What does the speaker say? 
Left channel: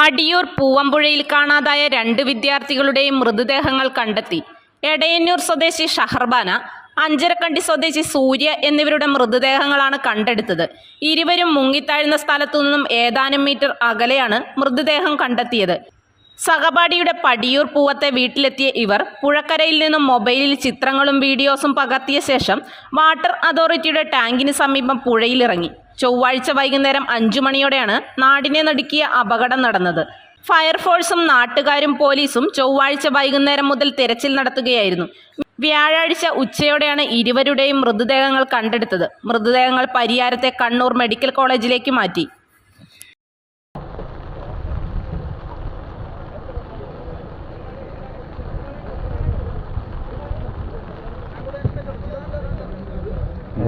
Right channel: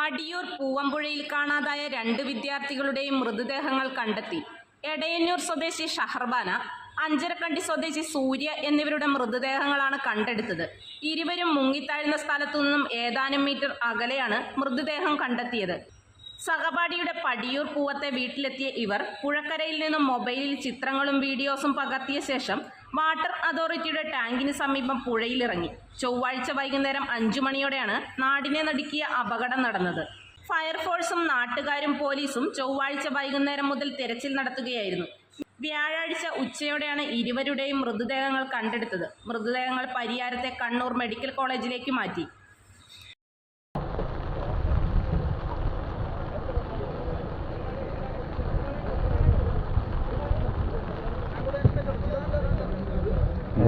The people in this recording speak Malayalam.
പടിയൂർ പൂവമ്പുഴയിൽ കാണാതായ രണ്ട് വിദ്യാർത്ഥികളുടെയും മൃതദേഹങ്ങൾ കണ്ടെത്തി. എടയന്നൂർ സ്വദേശി ഷഹർബാന അഞ്ചരക്കണ്ടി സ്വദേശി സൂര്യ എന്നിവരുടെ മൃതദേഹങ്ങളാണ് കണ്ടെടുത്തത്. ഇരുവരും മുങ്ങിത്താഴ്ന്ന സ്ഥലത്തു നിന്നും ഏതാനും മീറ്റർ അകലെയാണ് മൃതദേഹം കണ്ടെത്തിയത്. സഹപാഠിയുടെ പടിയൂർ പൂവത്തെ വീട്ടിലെത്തിയ ഇവർ പുഴക്കരയിൽ നിന്നും മൊബൈലിൽ ചിത്രങ്ങളും വീഡിയോസും പകർത്തിയ ശേഷം വാട്ടർ അതോറിറ്റിയുടെ ടാങ്കിന് സമീപം പുഴയിലിറങ്ങി. ചൊവ്വാഴ്ച വൈകുന്നേരം അഞ്ചു മണിയോടെയാണ് നാടിനെ നടുക്കിയ അപകടം നടന്നത്. ഫയർഫോഴ്സും നാട്ടുകാരും പോലീസും ചൊവ്വാഴ്ച വൈകുന്നേരം മുതൽ തെരച്ചിൽ നടത്തുകയായിരുന്നു. വ്യാഴാഴ്ച ഉച്ചയോടെയാണ് ഇരുവരുടെയും മൃതദേഹങ്ങൾ കണ്ടെടുത്തത്. മൃതദേഹങ്ങൾ പരിയാരത്തെ കണ്ണൂർ മെഡിക്കൽ കോളേജിലേക്ക് മാറ്റി.